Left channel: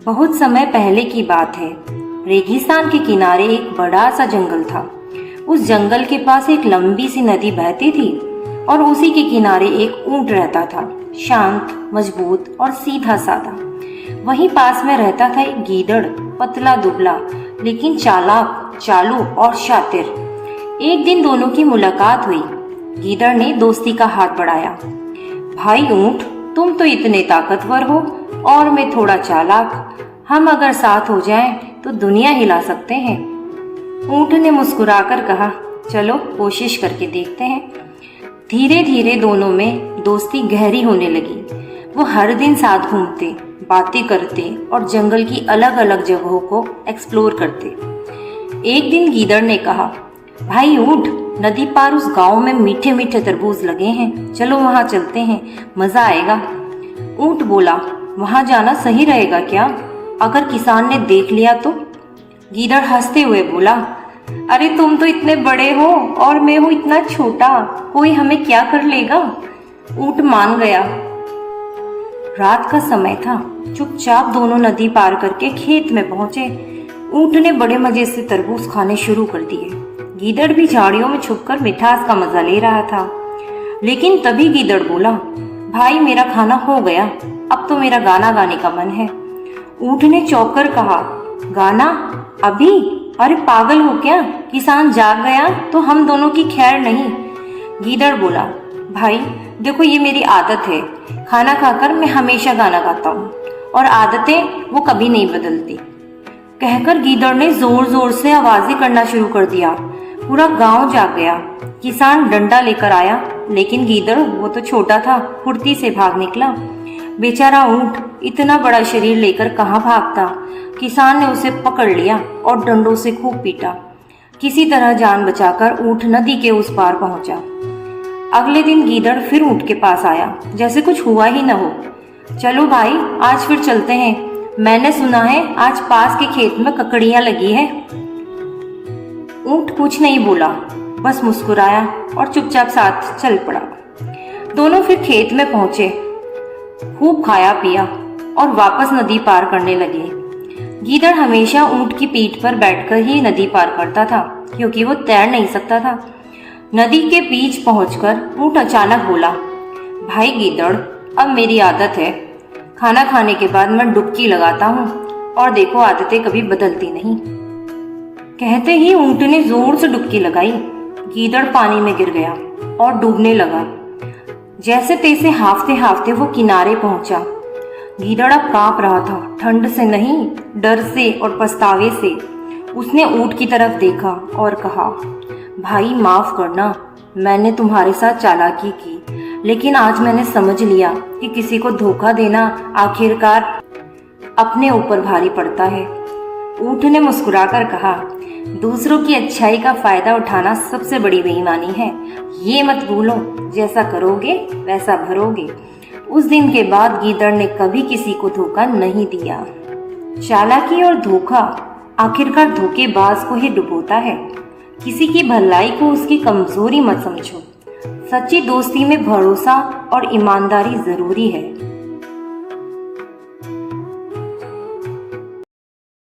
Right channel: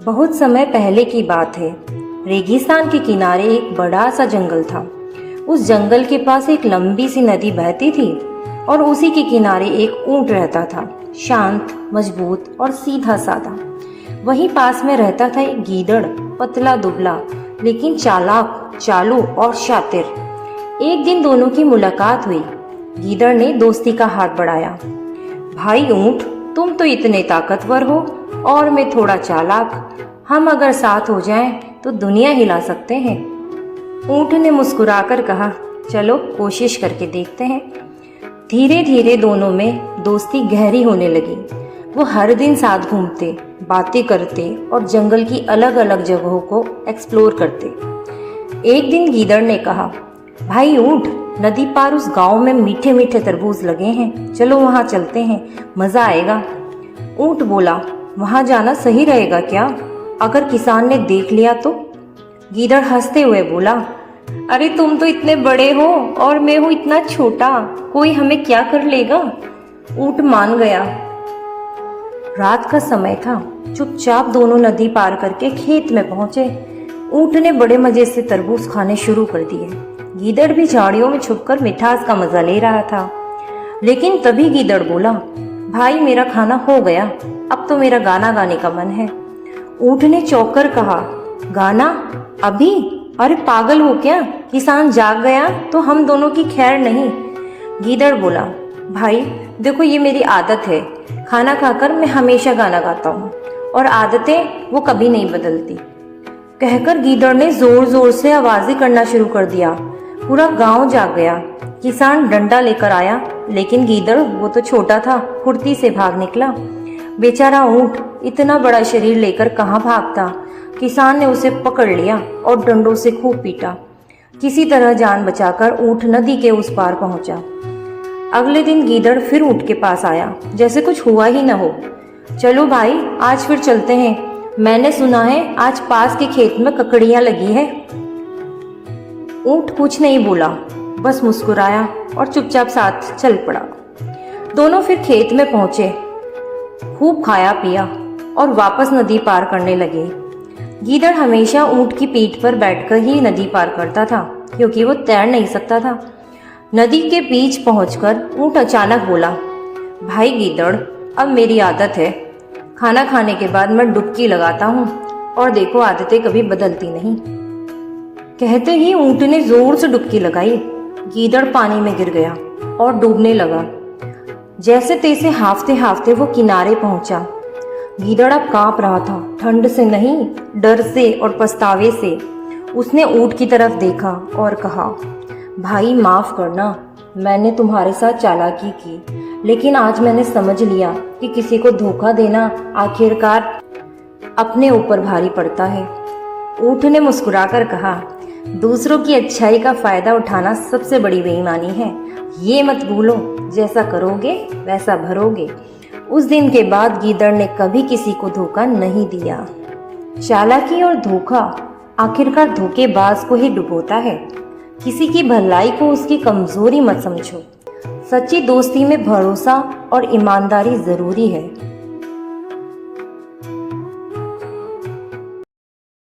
बहुत समय पहले की बात है। रेगिस्तान के किनारे एक बड़ा सा जंगल था। उस जंगल के पास एक लंबी सी नदी बहती थी और उसी के किनारे एक ऊंट रहता था, शांत, मजबूत और सीधा साधा। वहीं पास में रहता था एक गीदड़, पतला दुबला लेकिन चालाक, चालू और शातिर। एक दिन दोनों की मुलाकात हुई। गीदड़ ने दोस्ती का हाथ बढ़ाया। भाई ऊंट, तुम तो इतने ताकतवर हो और मैं थोड़ा चालाक। हम अगर साथ हो जाएं तो दुनिया हिला सकते हैं। ऊंट ने मुस्कुराकर कहा, चलो कोशिश करके देखते हैं। धीरे धीरे दोनों में दोस्ती गहरी होने लगी। वो हर दिन साथ घूमते, बातें करते और जंगल की अलग अलग जगहों को एक्सप्लोर करते। एक दिन गीदड़ ने कहा, भाई ऊंट, नदी पार उस गांव में मीठे मीठे तरबूज लगे हैं, चलो वहां चलते हैं, मजा आएगा। ऊंट बोला, वहां जाना सही रहेगा क्या? अगर किसान ने देख लिया तो? गीदड़ हंसते हुए बोला, अरे तुम तो इतने बड़े हो और मैं हूं इतना छोटा, कोई हमें क्या कर लेगा? ऊंट मान गया। रात का समय था। चुपचाप दोनों नदी पार करके खेत में पहुंचे। ऊंट ने बड़े मजे से तरबूज खाने शुरू कर दिए। गीदड़ भी झाड़ियों में छुपकर मिठास का मजा ले रहा था। लेकिन तभी गीदड़ बोला, भाई मेरा खाना हो गया, अब तो मेरा गाना गाने का मन है। ऊंट ने चौंक कर कहा, गाना? अभी? अरे पागल हो क्या? किसान जाग गया तो हम दोनों की खैर नहीं। गीदड़ बोला, भाई देखो ये मेरी आदत है, खाना खाकर मैं हमेशा गाना गाता हूँ और आदतें वो कभी नहीं बदलती। कहकर गीदड़ ने जोर जोर से आवाजें करना शुरू कर दिया। पूरा गांव जाग गया। किसान डंडा लेकर आया, लेकिन गीदड़ वो तो छोटा था, फुर्ती से भाग निकला। बेचारा ऊंट इतना बड़ा शरीर लेकर कहाँ भागता। किसान ने उसे पकड़ लिया और डंडों से खूब पीटा। किसी तरह जान बचाकर ऊंट नदी के उस पार पहुंचा। अगले दिन गीदड़ फिर ऊंट के पास आया, जैसे कुछ हुआ ही न हो। चलो भाई, आज फिर चलते हैं, मैंने सुना है आज पास के खेत में ककड़ियां लगी है। ऊंट कुछ नहीं बोला, बस मुस्कुराया और चुपचाप साथ चल पड़ा। दोनों फिर खेत में पहुंचे, खूब खाया पिया और वापस नदी पार करने लगे। गीदड़ हमेशा ऊंट की पीठ पर बैठकर ही नदी पार करता था, क्योंकि वो तैर नहीं सकता था। नदी के बीच पहुंचकर ऊंट अचानक बोला, भाई गीदड़, अब मेरी आदत है, खाना खाने के बाद मैं डुबकी लगाता हूँ और देखो आदतें कभी बदलती नहीं। कहते ही ऊंट ने जोर से डुबकी लगाई। गीदड़ पानी में गिर गया और डूबने लगा। जैसे तैसे हाफते हाफते वो किनारे पहुंचा। गीदड़ अब कांप रहा था, ठंड से नहीं, डर से और पछतावे से। उसने ऊंट की तरफ देखा और कहा, भाई माफ करना, मैंने तुम्हारे साथ चालाकी की, लेकिन आज मैंने समझ लिया कि किसी को धोखा देना आखिरकार अपने ऊपर भारी पड़ता है। ऊंट ने मुस्कुराकर कहा, दूसरों की अच्छाई का फायदा उठाना सबसे बड़ी बेईमानी है, ये मत भूलो, जैसा करोगे वैसा भरोगे। उस दिन के बाद गीदड़ ने कभी किसी को धोखा नहीं दिया। चालाकी और धोखा आखिरकार धोखेबाज को ही डुबोता है। किसी की भलाई को उसकी कमजोरी मत समझो। सच्ची दोस्ती में भरोसा और ईमानदारी जरूरी है।